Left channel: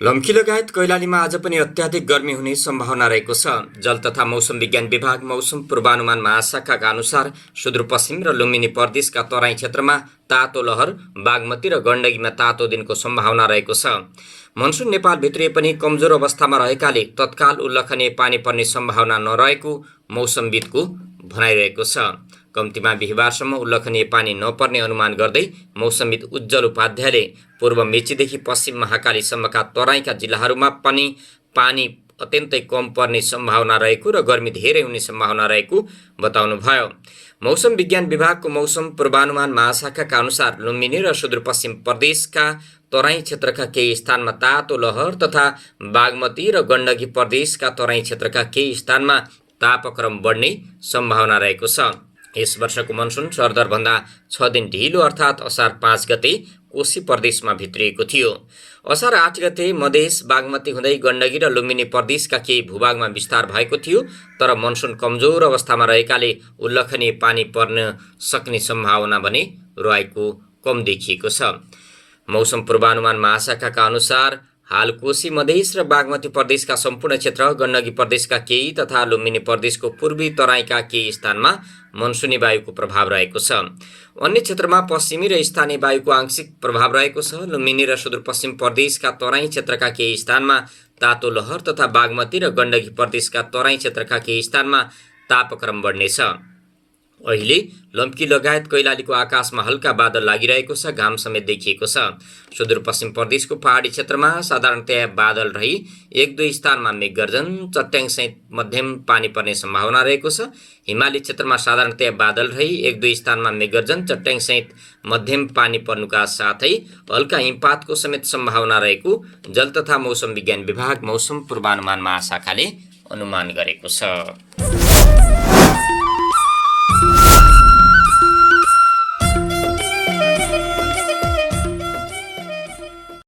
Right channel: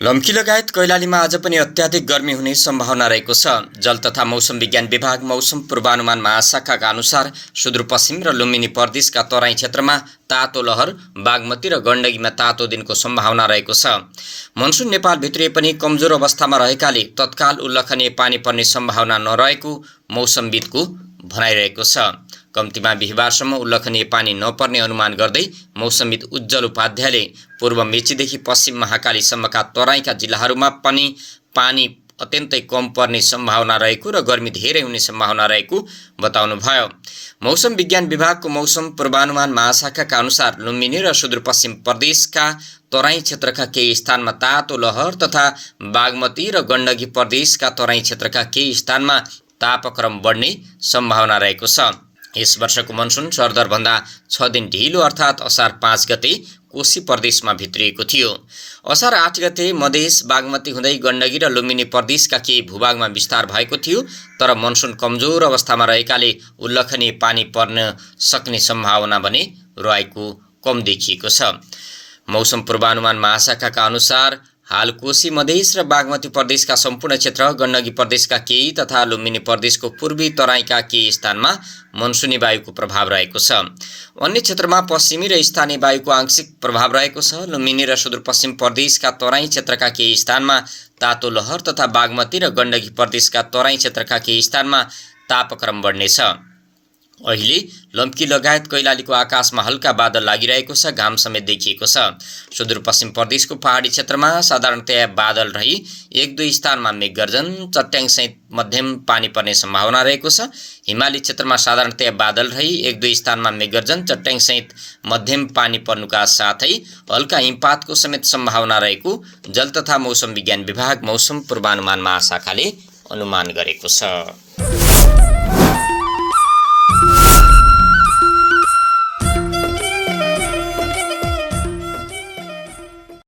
लम्की लगायत कैलालीमा आज पनि अत्याधिक गर्मी हुने सम्भावना रहेको छ। जल तथा मौसम विज्ञान विभाग मौसम पूर्वानुमान महाशाखाका अनुसार सुदूरपश्चिम र लुम्बिनी प्रदेशका तराई क्षेत्रमा तातो लहर, बागमती र गण्डकीमा तातो दिनको सम्भावना रहेको छ। मनसुन नेपाल भित्रिए पनि कमजोर अवस्थामा रहेकाले तत्काल उल्लेखनीय पानी पर्ने सम्भावना नरहेको मौसमविदको भनाइरहेको छ। कम्तीमा बिहिबारसम्म उल्लेखनीय पानी नपर्ने अनुमान गर्दै मौसमविद उज्जवल उपाध्यायले पूर्व मेचीदेखि पश्चिम महाकालीसम्मका तराईका जिल्लाहरूमा पनि पानी अत्यन्तै कम पर्ने सम्भावना रहेको र गर्मी धेरै हुने सम्भावना रहेको बताउनुभयो। मौसम विज्ञान विभागको मौसम पूर्वानुमान महाशाखाका अनुसार लुम्बिनी र सुदूरपश्चिम प्रदेशका तराई क्षेत्रका केही स्थानमा तातो लहर तथा बागमती र गण्डकी प्रदेशका तराई क्षेत्रका केही स्थानमा तापक्रम बढ्ने सम्भावना रहेको छ। यस वर्षको मनसुन सरदरभन्दा 6 दिन ढिलो अर्थात् असार 5 गते कोशी प्रदेशमा भित्रिएको थियो। असार 8 गते मधेस बागमती हुँदै गण्डकी र लुम्बिनी प्रदेशका केही भूभागमा विस्तार भएको थियो, तर मनसुन कमजोर अवस्थामा रहेकाले उल्लेखनीय पानी पर्न सक्ने सम्भावना भने रहेको कम देखिएको छ। मौसम पूर्वानुमान महाशाखाका अनुसार हाल कोशी मधेस र बागमती प्रदेशका सम्पूर्ण क्षेत्र, गण्डकी प्रदेशका केही तथा लुम्बिनी प्रदेशको पूर्वी तराईका केही स्थानमा मनसुनी वायुको प्रभाव रहेको छ। अन्य क्षेत्रमा पश्चिमी र स्थानीय वायुको आंशिक प्रभाव रहेको छ। लुम्बिनी र सुदूरपश्चिम प्रदेशका तराई क्षेत्रका केही स्थानमा तातो लहर तथा बागमती र गण्डकी प्रदेशका तराई क्षेत्रका केही स्थानमा तापक्रम बढ्नेछ। अहिले लम्की लगायत कैलालीको आकाशमा हल्का बादल लागिरहेको छ, घाम समेत देखिएको छ। सुदूरपश्चिम प्रदेशको पहाडी क्षेत्रमा साधारणतया बादल रही 1-2 स्थानमा मेघगर्जन, चट्याङसहित मध्यम पानी पर्ने सम्भावना रहेको छ। हिमाली क्षेत्रमा साधारणतया बादल रही 1-2 स्थानमा मेघगर्जन, चट्याङसहित मध्यम पानी पर्नुका साथै हल्का हिमपातको समेत सम्भावना रहेको जल तथा मौसम विज्ञान विभाग मौसम पूर्वानुमान महाशाखाले अनुमान गरेको छ।